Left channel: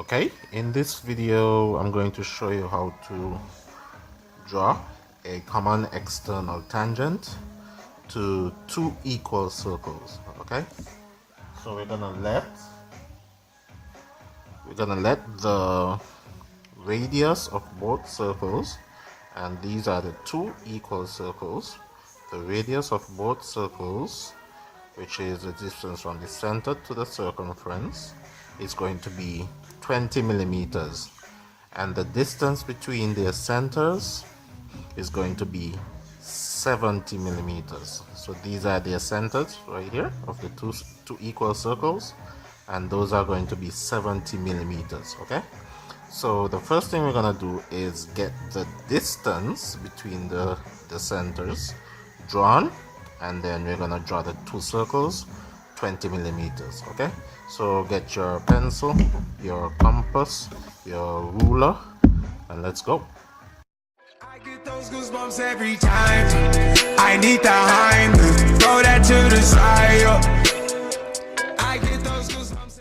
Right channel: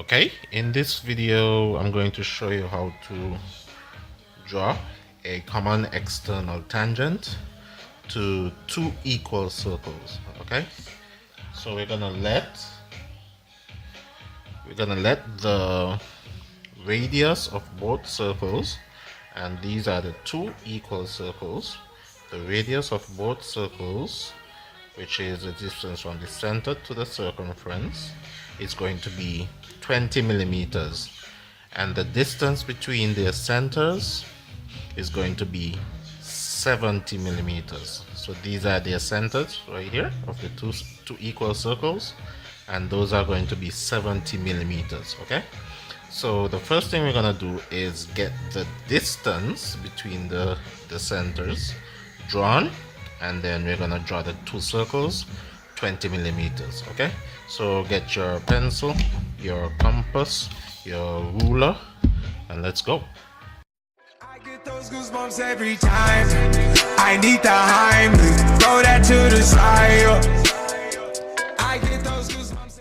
Okay, in this video I'm going to show you how to draw a common external tangent to two equal circles. Okay, so we're gonna let the radius of both circles, and these are the two equal circles. The radius of both circles, which is the distance from the center to the circumference, is going to be 20 millimeters, and the distance between their centers is going to be 70 millimeters. So these are their centers right here of the two equal circles, and those are going to be 70 millimeters. Okay, so the first thing we're gonna do is get the distance between the centers drawn, and then we're gonna draw the two circles 20 millimeters. Okay, so get your pencil, your compass, your ruler, and let's go. I get those goosebumps every time I need the Heimlich, throw that to the side. I get those goosebumps.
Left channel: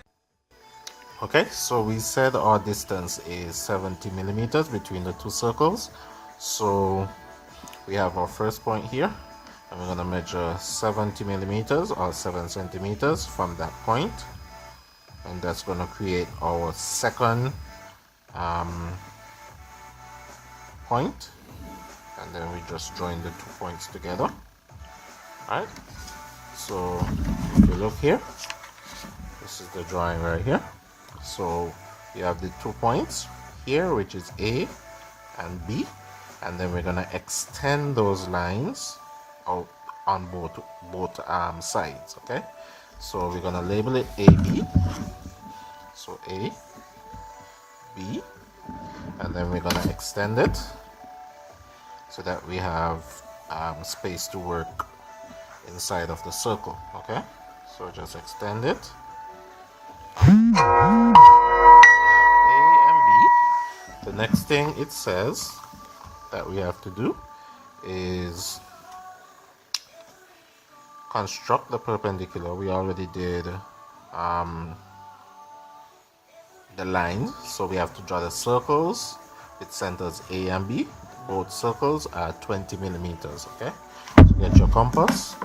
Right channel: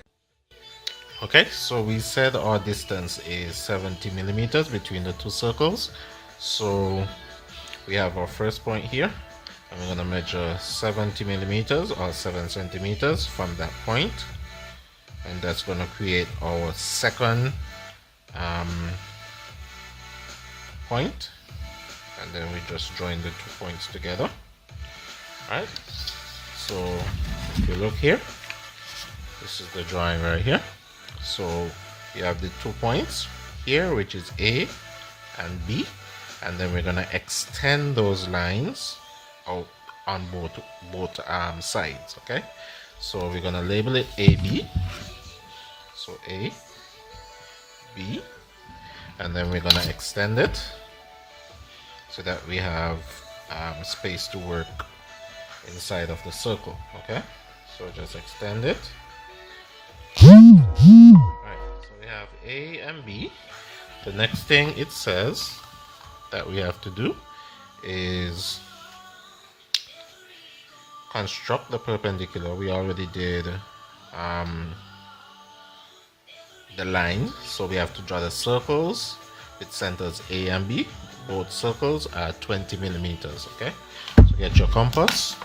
Okay, so we said our distance is 70 millimeters between the two circles. So we have our first point here, and we're going to measure 70 millimeters or 7 centimeters from that point, and that's going to create our second point, and then we just join the 2 points together. Alright, so if you look here, this is the drawing right here. So you have the 2 points here, which is A and B, and then we're gonna extend those lines out on both sides. Okay, so we're gonna label it AB. So A, B, and then we're gonna extend it so that we have space to work inside of the circle. Okay, so just extend it. We have A and B. The next thing it says that we have to do is construct the perpendicular. We already did the line, so we have to draw the circles with centers A and B. Both circles are 20 millimeters. Okay, so get your compass,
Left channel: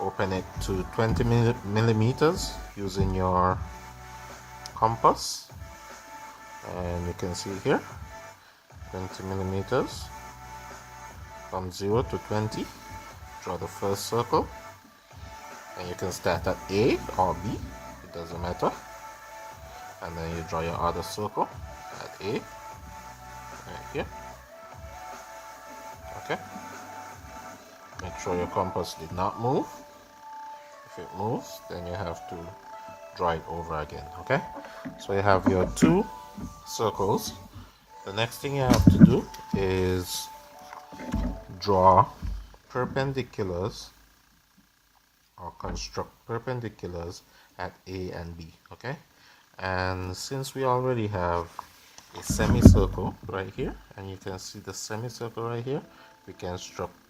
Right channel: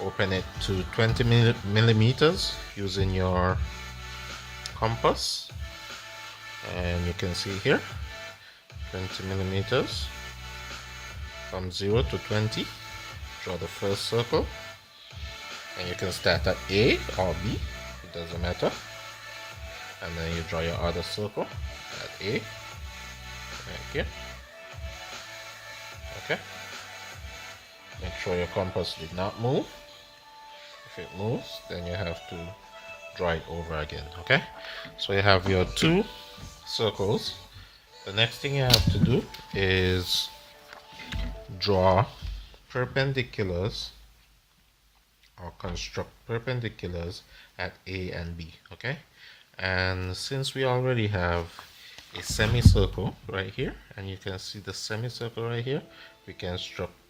open it to 20 millimeters using your compass, and you can see here 20 millimeters from 0 to 20. Draw the first circle, and you can start at A or B, it doesn't matter, and then you draw your other circle at A right here. Okay, make sure your compass did not move. If it moves, then you have to draw it over again. Okay, so you have your two circles. The next thing you have to do is draw perpendiculars, or construct perpendiculars at A and B. Okay, and since we already have a semicircle right here, and you can see the semicircle right here, we can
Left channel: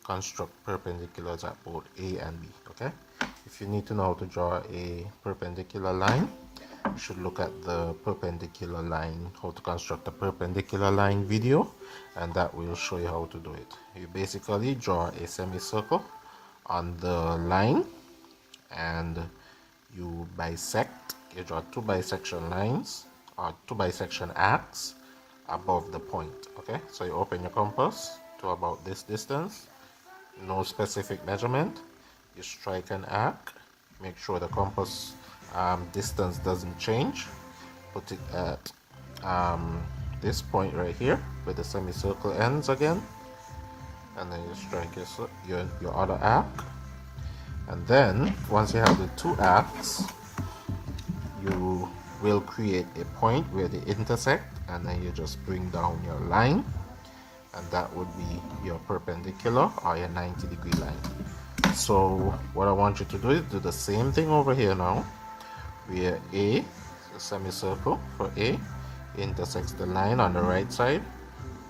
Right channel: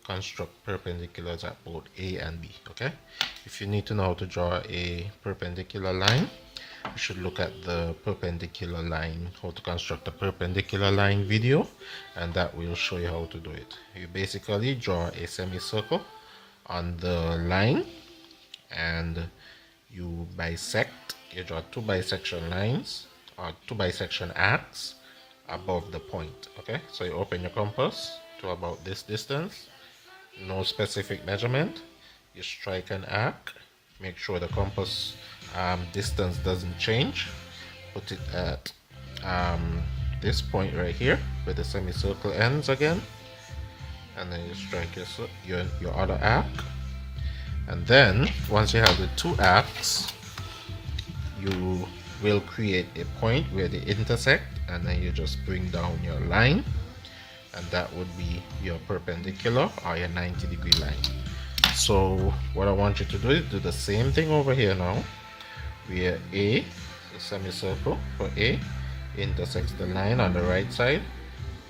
construct perpendiculars at both A and B. Okay, if you need to know how to draw a perpendicular line, you should look at the perpendicular line, how to construct a perpendicular line video, and that will show you how to do it. You basically draw a semicircle on the line, and you bisect. You draw two bisection lines, or two bisection arcs above the point. Okay, so you open your compass to about this distance, no specific measurement. You strike an arc, make sure the compass distance doesn't change, put it at this point right here where the semicircle ends again, and then you strike your other arc, and then once you have the two arcs, you will create a point where they intersect, and then you just bring down your line, and that would be your perpendicular or your 90-degree line. So what I want you to do is do the same thing over here now, where A, the semicircle for A, intersects the line on the right side.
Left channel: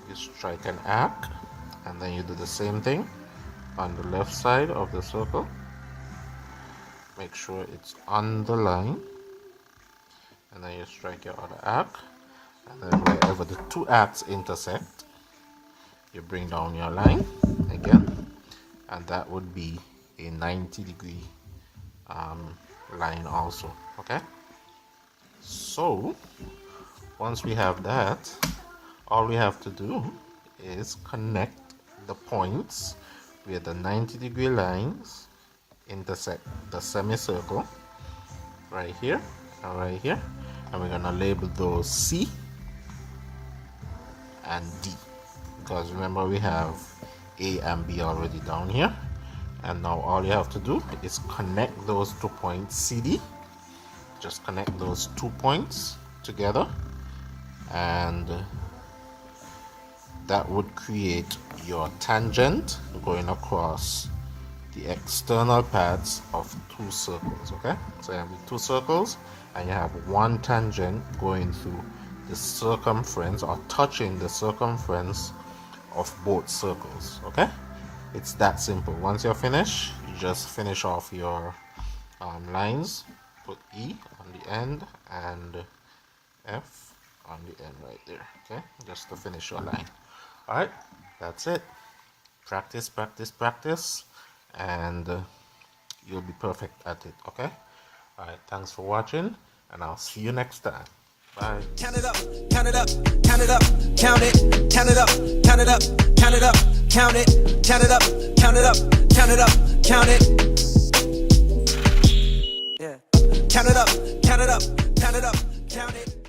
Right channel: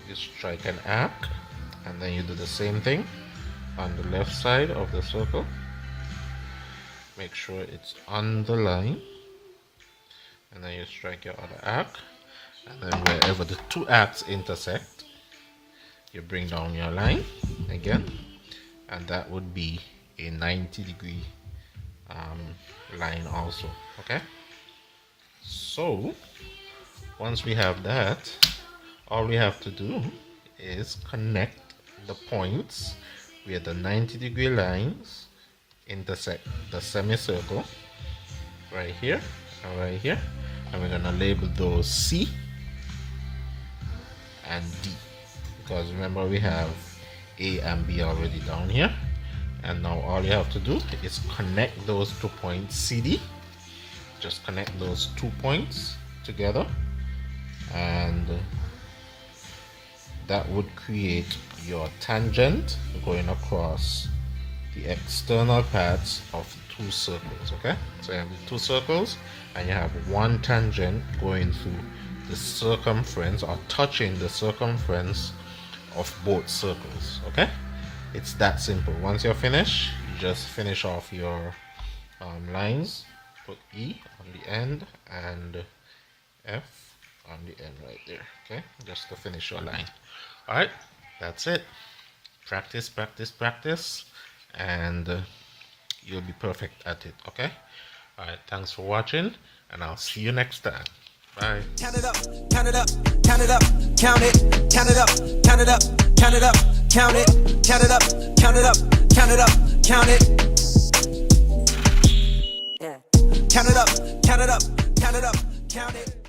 You strike an arc, and then you do the same thing on the left side of the circle. Make sure it's on the line, and then you strike your other arc, and then wherever the two arcs intersect, you bring down your line again, and that would be a 90-degree line also. Okay, so once we have that, all we have to do is connect the points where the 90-degree lines intersect the semicircle right here and right here, and we're gonna label those C and D, because remember we have A and B already down here. And now all you have to do is connect those 2 points CD. Just connect those 2 points together, and that would create your tangent going across the external paths of 2 circles. Okay, so you have the 2 circles and you have one tangent going through the circumference or touching the circumference of both circles. Okay, it's that simple. Once you're finished, you just finish off your lines. Put E on the end and F on the end right there. Okay, just to finish your line. All right, that's it. Practice, practice, practice, and you'll be perfect at it. Okay, all right, thanks for watching, and I'll see you next time. Bye. Count it up, count it up, count it up, count it, count it up, count it up, count it up, count it, count it up, count it up, count it up, count it. Yeah. Count it up, count it up, count it up, count it.